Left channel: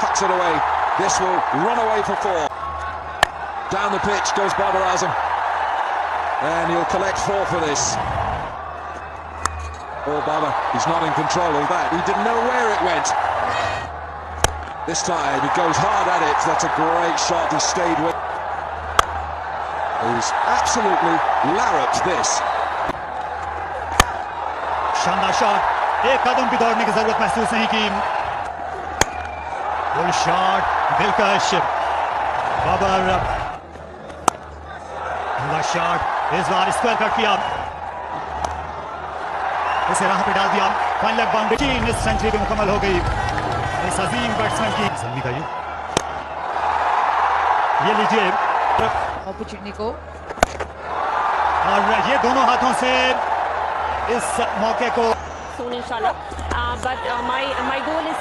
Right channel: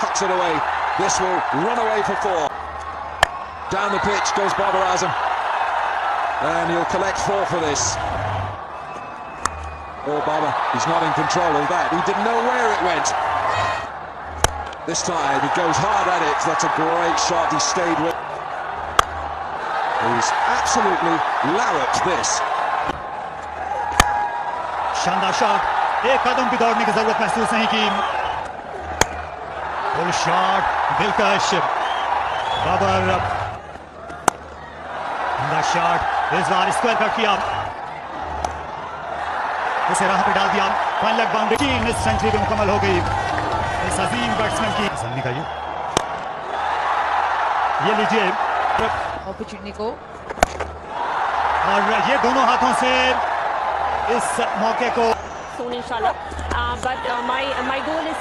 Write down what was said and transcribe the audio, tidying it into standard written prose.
tucks it away. This will run away for 4. Down the pitch goes Babar Azam, and he'll collect 4 for this. Oh, Babar, he's not in control of that. He didn't know where it went. This time he goes hard at it. That's a great shot. He stayed with. He's absolutely larruped this. शानदार shot, एक कदम भी दौड़ने की जरूरत महसूस नहीं की। Full shot, दिलकश। बाबर शॉट, इस बार स्क्वायर कट किया, इसे राह पे डाल दिया। फाइनल लेग बाउंड्री, इस सेंचुरी भी मुकम्मल हो गई इस अजीम बैट्समैन की। ज़ल्मी का ये लीजिए अपॉर्चुनिटी को, और ये दोनों हाथों से इस मौके को। Soon inshallah, but my goal is